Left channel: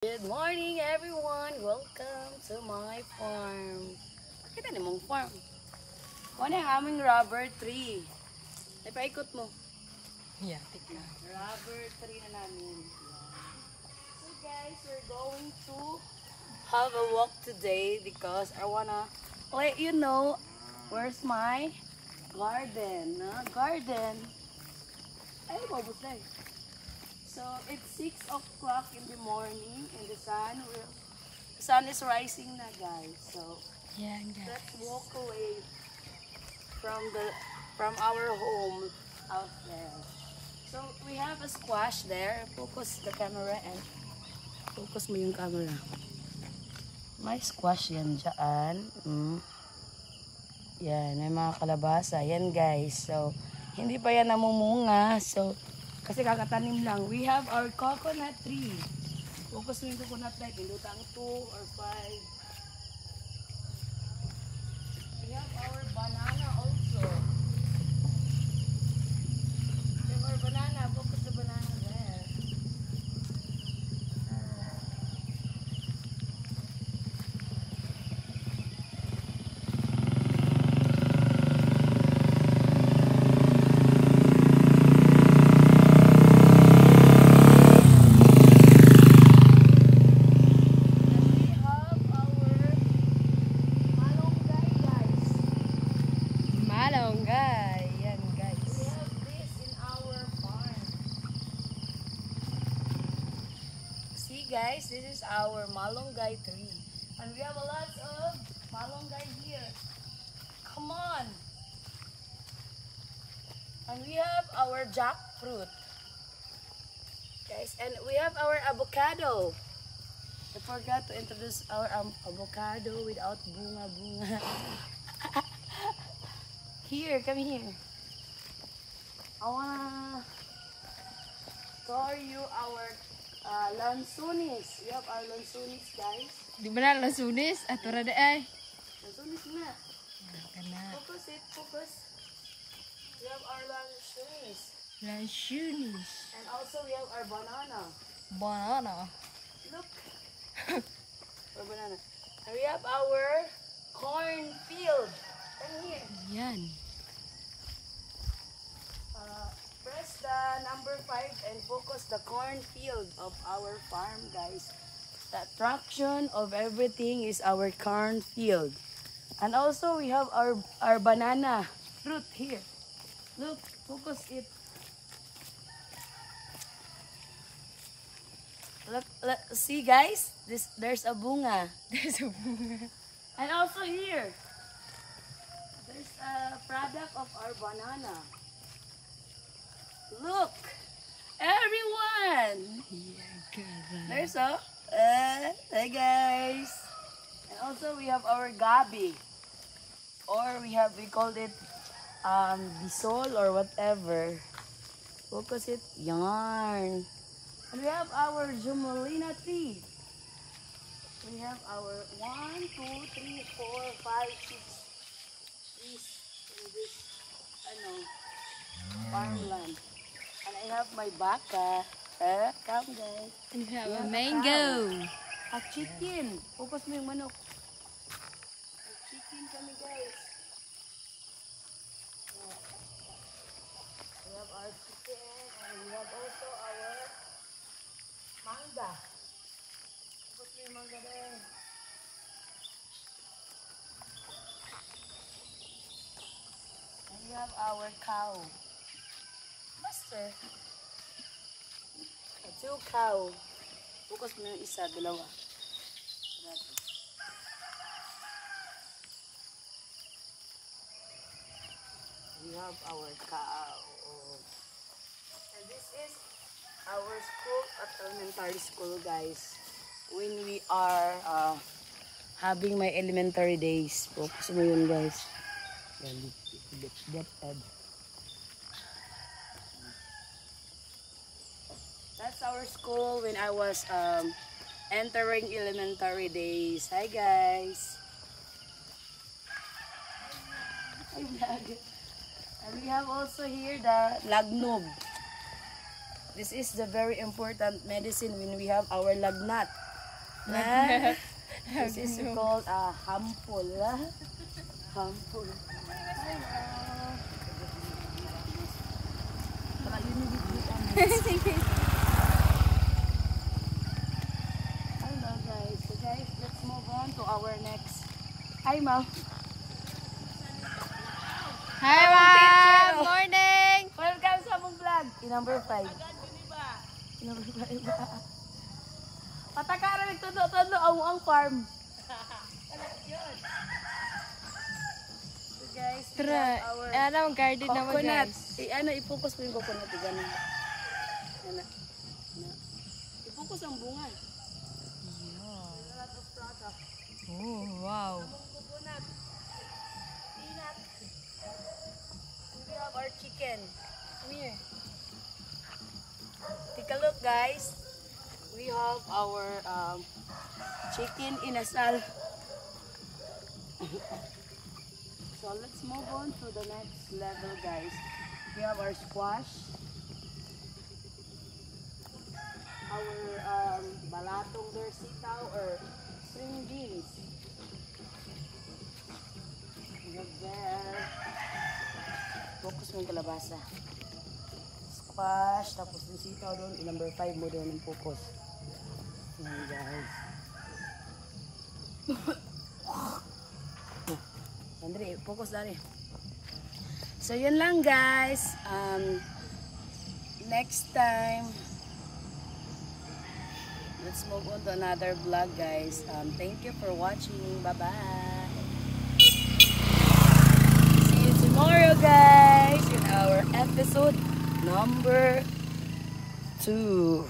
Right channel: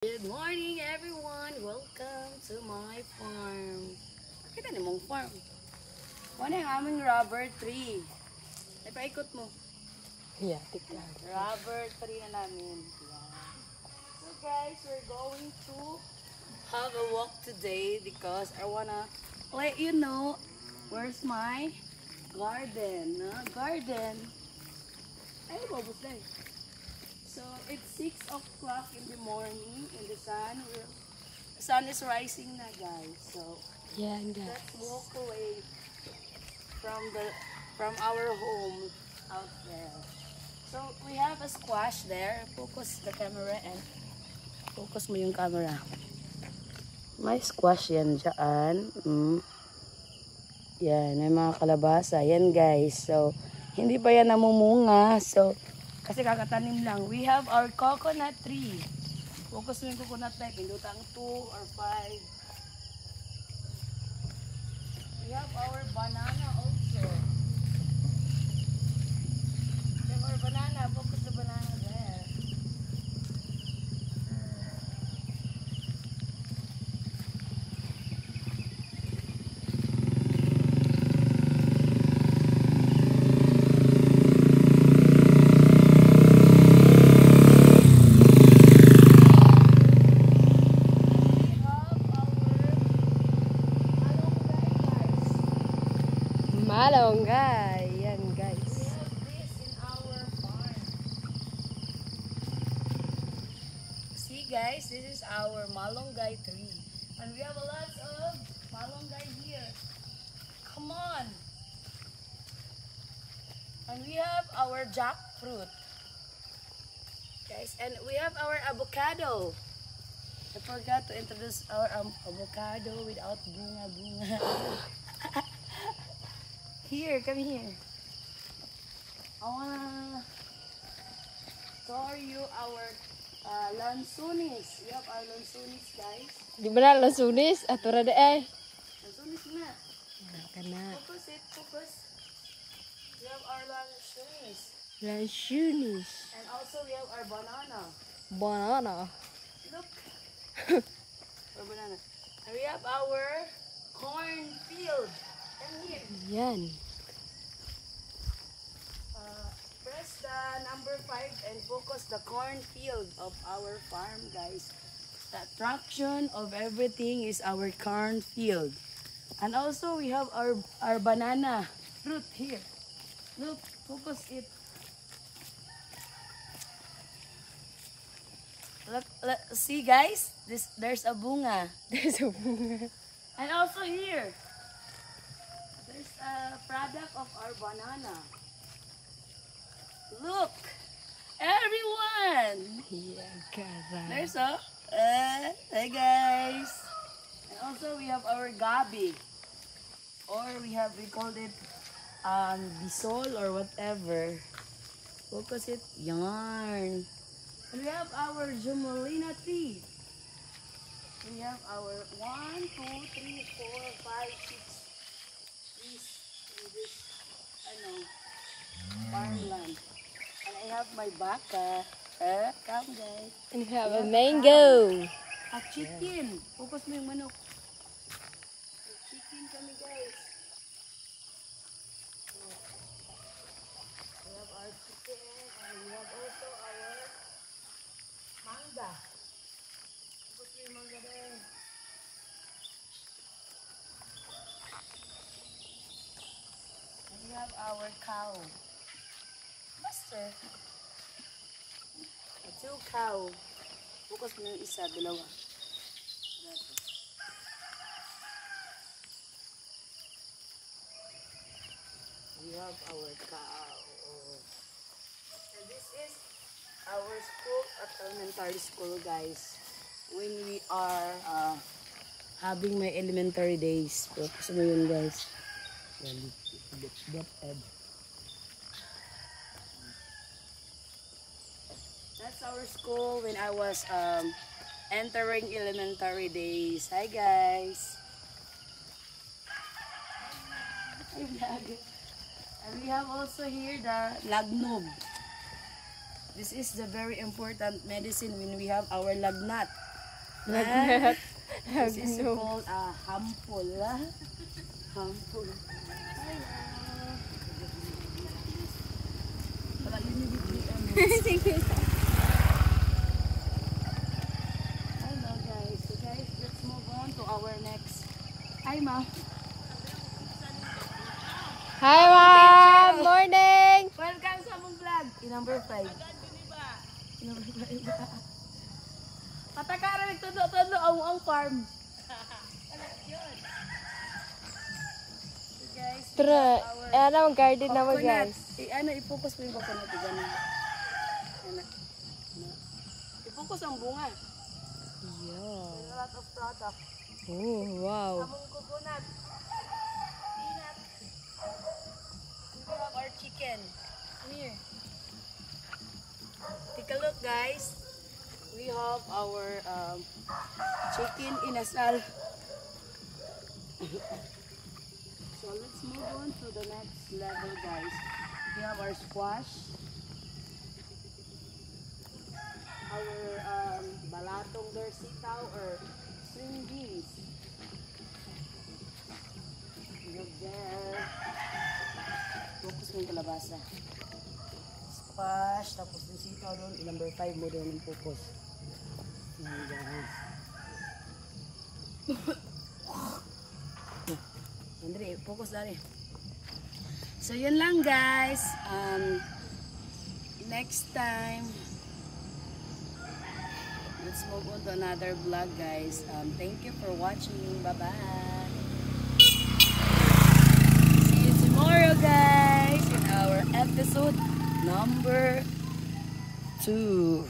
Good morning everyone! Welcome to my farm. Pakita ni mong farm. Ano yung aming rubber tree? Ay, paikot mo. Yeah, tikman. Rubber tree na namin. So guys, we're going to have a walk today because I wanna let you know where's my garden. Garden. Ay, babos na eh. So it's 6 o'clock in the morning and the sun is rising na guys. So Yeah, guys. let's walk away from our home out there. So we have a squash there. Focus the camera and focus mo yung camera. May squash yan dyan. Yan, may mga kalabasa. Yan guys. So hindi pa yan namumunga. So kasi kakatanim lang. We have our coconut tree. Focus mo yung coconut tree. Pindutang 2 or 5. We have our banana also. We have our banana. Focus the banana there. Malunggay. Yan, guys. We have this in our farm. See guys, this is our malunggay tree. And we have a lot of malunggay here. Come on. And we have our jackfruit. Guys, and we have our avocado. I forgot to introduce our avocado without bunga. Here, come here. I wanna show you our lansunis. We have our lansunis, guys. Di ba na lasunis? Ato rada ay. Lansunis na. Kana. Focus it, focus. We have our lansunis. Lasunis. And also we have our banana. Banana. Look. Our banana. And we have our cornfield. Come here. Yan. Press the number 5 and focus the cornfield of our farm, guys. The attraction of everything is our cornfield. And also we have our banana fruit here. Look, focus it. Look, see guys, there's a bunga. There's a bunga. And also here, there's a product of our banana. Look, everyone. Yan, kara. There's a, hey guys. And also we have our gabi. Or we called it bisol or whatever. Focus it, yarn. And we have our Jumelina tree. We have our 1, 2, 3, 4, 5, 6 trees in this farmland. And I have my baka. Come guys. And we have We a have a mango. A chicken. Focus mo yung manok. A chicken kami guys. We have our chicken and we have also our manga. Focus mo yung manga din. And we have our cow. Master. 2 cow. Focus mo yung isa, dalawa. We have our cow. And this is our school at elementary school, guys. When we are having my elementary days. Focus mo yun, guys. That's our school when I was entering elementary days. Hi guys. Hi vlog. And we have also here the lagnog. This is the very important medicine when we have our lagnat. This is called hampol. Hampol. Wala yun yung bigyan. Hello guys. So guys, let's move on to our next. Hi ma'am. Hi, ma'am. Morning. Welcome sa mong vlog. Number 5. Number 5. Patakaran nagtundo-tundo ang farm. So guys, we Tara. have our Ano, garden na mo, coconut. guys. I-focus mo yung coconut. Ganun. Ano. I-focus ang bunga. Yeah. There's a lot of product. Oh, wow. Among coconut. Peanut. And we have our chicken. Come here. Take a look, guys. We have our chicken inasal. So let's move on to the next level, guys. We have our squash. Our balatong dorsitaw or string beans. We have there. Focus mo yung kalabasa. Squash, tapos yung sitaw doon. Number 5 mo doon yung focus. Ayan guys. Andre, focus na rin. So yun lang guys. Next time, let's move on to another vlog guys. Thank you for watching. Bye-bye. See you tomorrow guys in our episode number 2.